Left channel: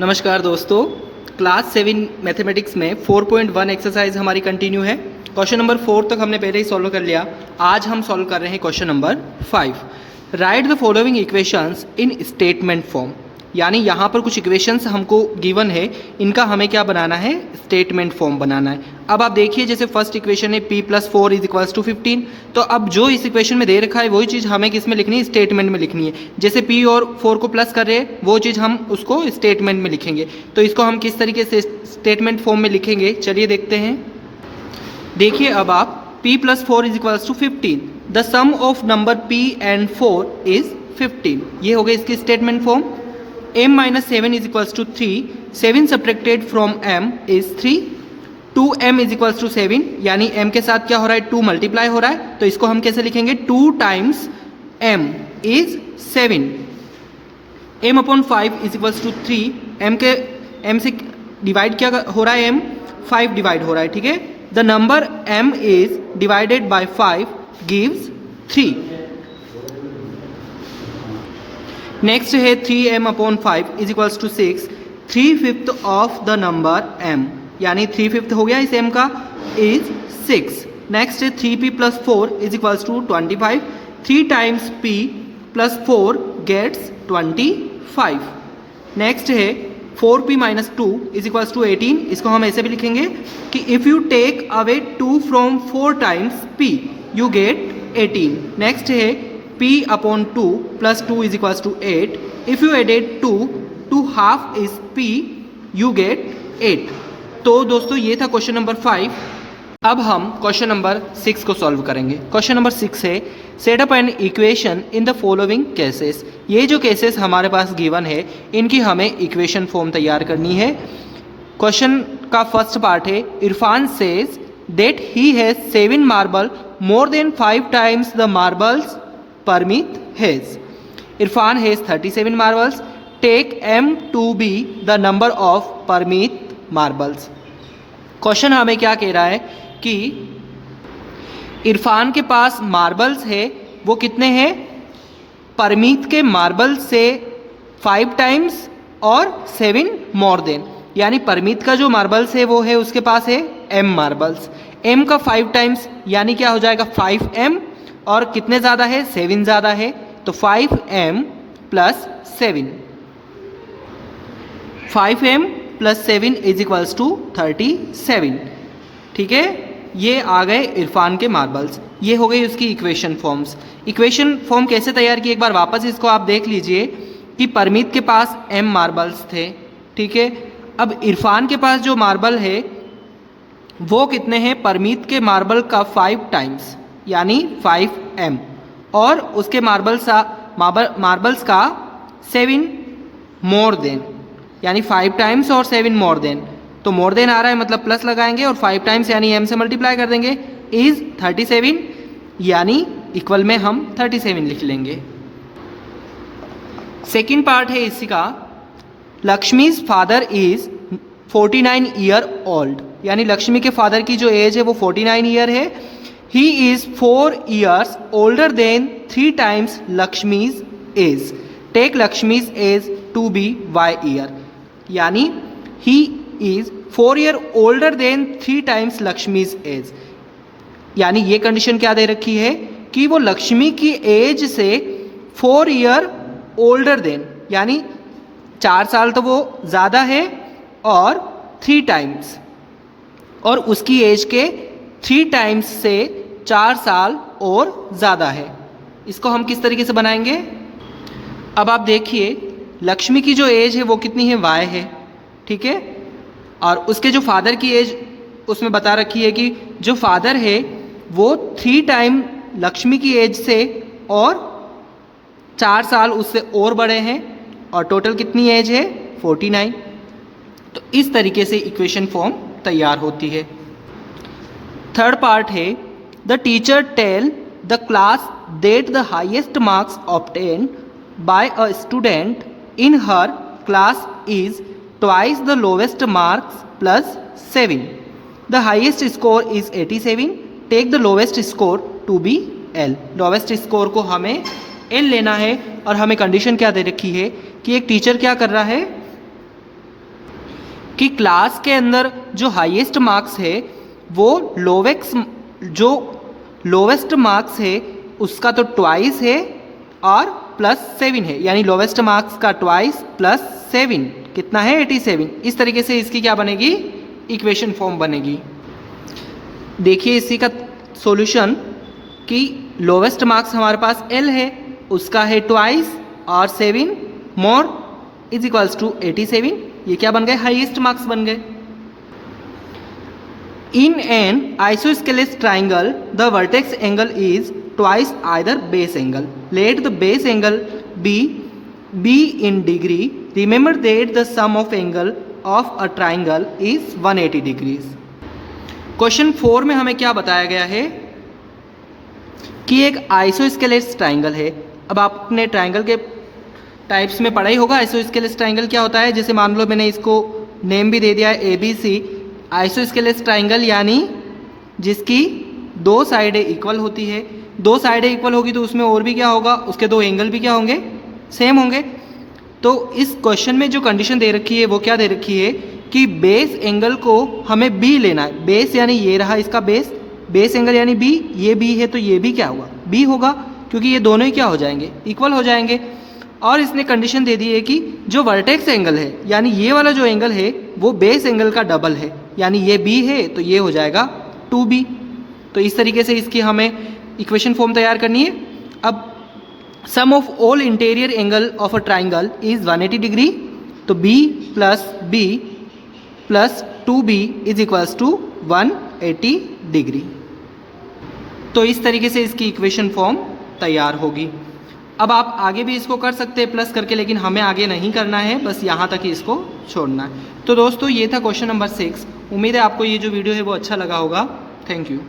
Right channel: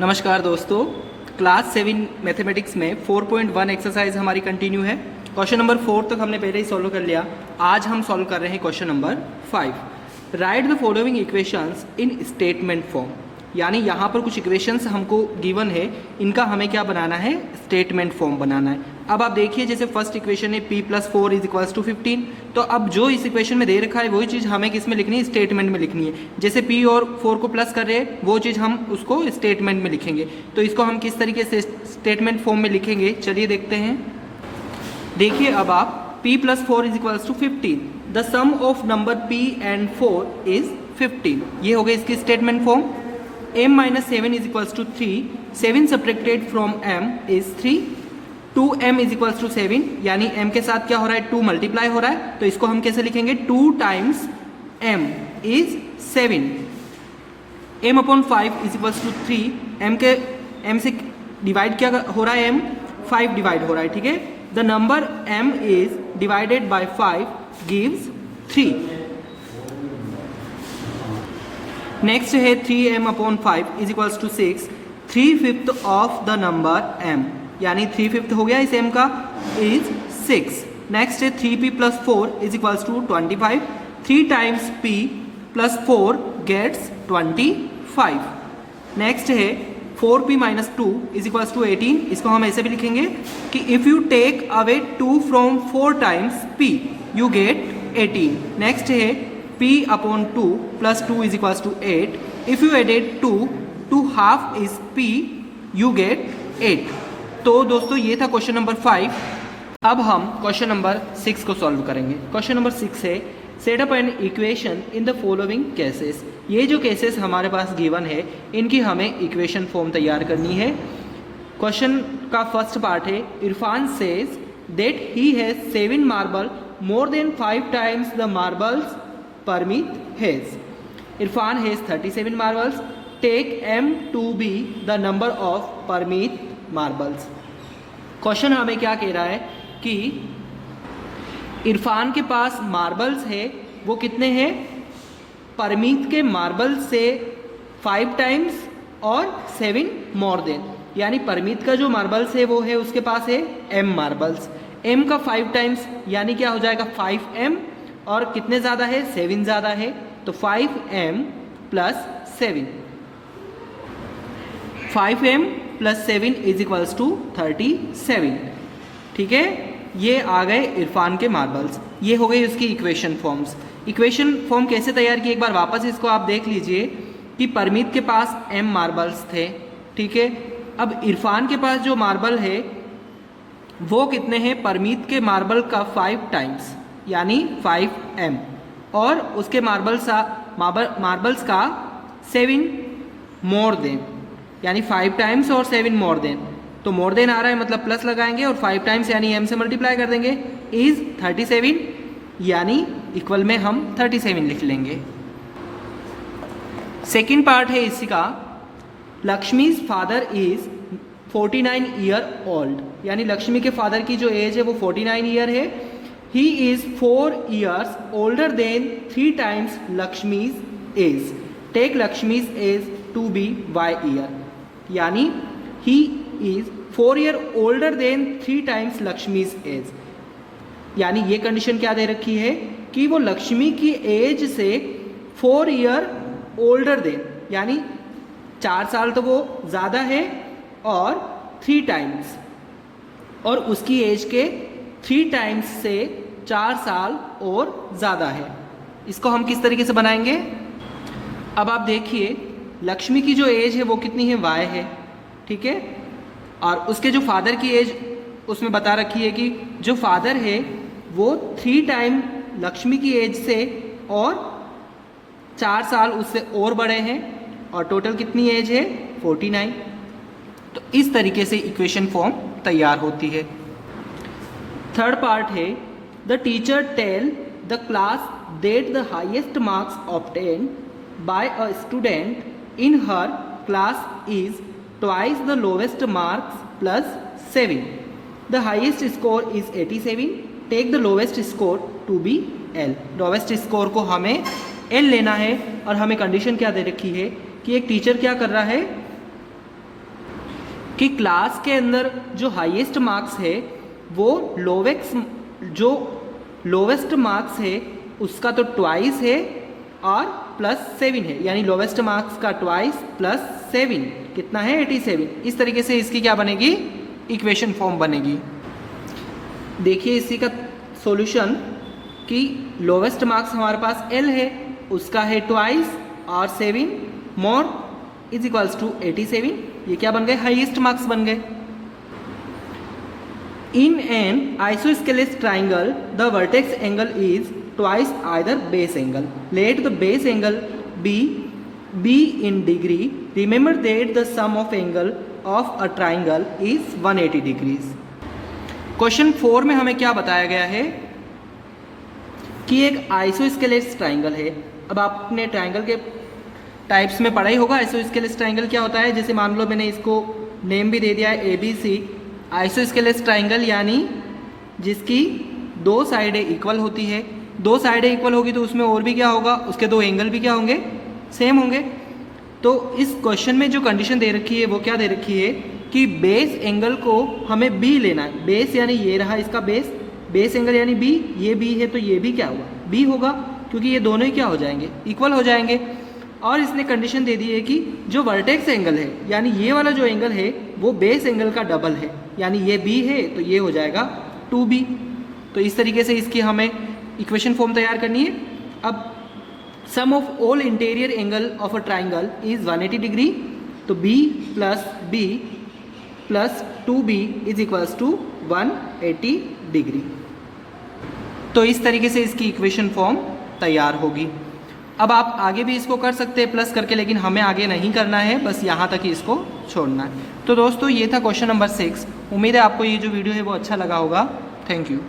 नमस्कार दोस्तों, class 7 mathematics में 4.1 एक्सरसाइज हमारी कंटिन्यू है। क्वेश्चन नंबर 4 तक हमने पहले ही सॉल्व कर लिया। आज हम सॉल्व कर रहे हैं question number 5। Right the following equations in statement form. यानी यहाँ पर कुछ इक्वेशंस हमको गिवन है, इनका हमें क्या बनाना है, स्टेटमेंट फॉर्म बनाना है। अब आप देखिए, जैसे फर्स्ट इक्वेशन है p+4 = 15। तो अब जो इस इक्वेशन में दे रखा है वही चीज़ हमें किस में लिखनी है, स्टेटमेंट में लिखनी है। जैसे p और 4 को प्लस कर रहे हैं, वो चीज़ हम उसको स्टेटमेंट में लिखेंगे। तो इसको हम किस तरीके से स्टेटमेंट फॉर्म में लिखेंगे, चलिए देखते हैं। देखिए अब आप p+4 = 15, the sum of number p and 4 is 15। ये हो गई इसकी statement form. m-7 = 3, 7 subtracted from m is 3। 2m = 7, यानी m के साथ क्या हो रहा है, 2 मल्टीप्लाई हो रहा है। तो इसको हम कैसे लिखेंगे, 2 × m इज 7। m/5 = 3, m से डिवाइड क्या हो रहा है, m 5 डिवाइड हो रहा है, ठीक है। The number m is divided by 5 gives 3। Next है 3m/5 = 6, 3/5 of the number m, यानी 3/5 हो गया इस m का, इज 6। नेक्स्ट है 3p+4 = 25, 3 × p+4 गेट्स 25। नेक्स्ट है 4p-2 = 18। इसको हम ऐसे भी लिखेंगे कि if you take away 2 from 4 × p you get 18। Next है p/2 + 2 = 8, if you added 2 to half is p you get 8। तो दोस्तों ये था क्वेश्चन नंबर 5। अब हम क्वेश्चन नंबर 6 को सॉल्व करेंगे। क्वेश्चन नंबर 6 है, set up an equation in the following cases. ये जो केसेस हमारे पास गिवन है, इनकी हमें इक्वेशन फॉर्म तैयार करनी है। क्वेश्चन का फर्स्ट पार्ट है, Irfan says that he has 7 marble more than 5 times the marbles Parmit has. Irfan has 37 marbles, take m to be the number of Parmit marbles. Question हमें क्या कह रहा है कि इरफान के पास मार्बल्स है, वो कितने हैं, परमित के मार्बल्स से 5 times और 7 मोर देन, यानी परमित का जो मार्बल्स है वो है, उसके पास है m मार्बल्स। m का 5 times यानी क्या हो जाएगा, 5m, और कितने ज़्यादा है, 7 ज़्यादा है, तो 5m + 7, 5m + 7 = 37। ठीक है, ये आ गए इरफान के मार्बल्स। ये हो गई उसकी इक्वेशन फॉर्म्स। इक्वेशन फॉर्म कैसे तैयार की, एक बार वापस इसको आप देख लीजिए कि परमित के पास m मार्बल्स थे, ठीक है। अब इरफान के पास जो मार्बल है वो कितने हैं, परमित के मार्बल का 5 times यानी 5m, और उसके मार्बल्स का 7 मोर देन, यानी 5 times और 7 मोर देन। तो मोर देन आ रहा है मतलब प्लस लगाएंगे, और 5 times यानी m से मल्टीप्लाई कर देंगे, इज 37, यानी इक्वल में हम 37 लिख लेंगे। सेकेंड पार्ट है इसका, Lakshmi's father is 49 year old, यानी लक्ष्मी के फादर की जो एज है वो 49 ईयर है। He is 4 years older than 3 times Lakshmi's age, take Lakshmi's age to be y year, यानी he is 4 year older than 3 times Lakshmi's age. यानी ये कंडीशन क्या दे रखी है कि वो लक्ष्मी की एज से 4 year ओल्डर देन, यानी 4 साल तो वो ज़्यादा है, और 3 times, और उसकी एज के 3 times से 4 साल और ज़्यादा है। इसको हम किस तरीके से बनाएंगे, अब आप देखिए, लक्ष्मी की जो एज है वो कितनी है, y है, ठीक है। और उसके जो फादर की एज उसमें बता रखी है कि जो फादर है वो 3 times लक्ष्मी की एज से और 4 साल उससे और बड़े हैं, और टोटल कितनी एज है, 49। तो इस तरीके से इक्वेशन फॉर्म तैयार होती है। थर्ड पार्ट है, the teacher tell the class that the highest marks obtained by a student in her class is twice the lowest marks +7। The highest score is 87, take the lowest score to be L। Lowest score को हमें L लेना है, और हमें condition क्या दे रखी है कि एक टीचर क्या कर रहा है, कि क्लास के अंदर जो हाईएस्ट मार्क्स है वो लोवेस्ट मार्क्स है उसका तो ट्वाइस है और +7 है, यानी लोवेस्ट मार्क्स का ट्वाइस +7 कितना है 87। इस तरीके से इसकी क्या बनेगी, इक्वेशन फॉर्म बनेगी। देखिए इसी का सॉल्यूशन कि लोवेस्ट मार्क्स हमारे पास L है, उसका है ट्वाइस और 7 मोर इज इक्वल्स टू 87। ये क्या बन गए, हाईएस्ट मार्क्स बन गए। In an isosceles triangle the vertex angle is twice either base angle, let the base angle be in degree, remember that the sum of angle of a triangle is 180 degrees. क्वेश्चन 4 में हमें क्या बताया गया है कि एक आइसोस्केलेस ट्राइंगल है। अब आपने ट्राइंगल के टाइप्स में पढ़ा ही होगा आइसोस्केलेस ट्राइंगल क्या होता है। जैसे मान लो मैंने इसको नेम भी दे दिया है ABC। आइसोस्केलेस ट्राइंगल यानी जिसकी दो साइडें इक्वल होती है, दो साइडें इक्वल होगी तो उसमें और भी क्या होगा, उसके दो एंगल भी क्या होंगे, सेम होंगे। तो इस क्वेश्चन में जो कंडीशन दे रखी है वो क्या दे रखी है कि बेस एंगल को हमें B लेना है। बेस यानी ये रहा इसका बेस एंगल यानी B, ये B है तो ये भी क्या हुआ, B होगा, क्योंकि ये दोनों ही क्या हो जाएंगे, इक्वल हो जाएंगे। और इसने कंडीशन दे दी है कि जो वर्टेक्स एंगल है यानी ये वाला जो एंगल है वो बेस एंगल का डबल है, यानी ये B है तो ये हो जाएगा 2B। तो इस तरीके से इसकी हमें इक्वेशन फॉर्म तैयार करनी है। अब sum of all interior angle of a triangle is 180 degree, तो B plus B plus 2B is equals to 180 degree. तो इस तरीके से इसकी इक्वेशन फॉर्म तैयार होगी। अब आप आगे भी इसको कर सकते हैं प्लस करके, लेकिन हमें आगे नहीं करना है, बस यहाँ तक ही इसको छोड़ना है। तो दोस्तों ये था क्वेश्चन नंबर 6। उम्मीद है आपको ये जो वीडियो है वो अच्छा लगा होगा। Thank you.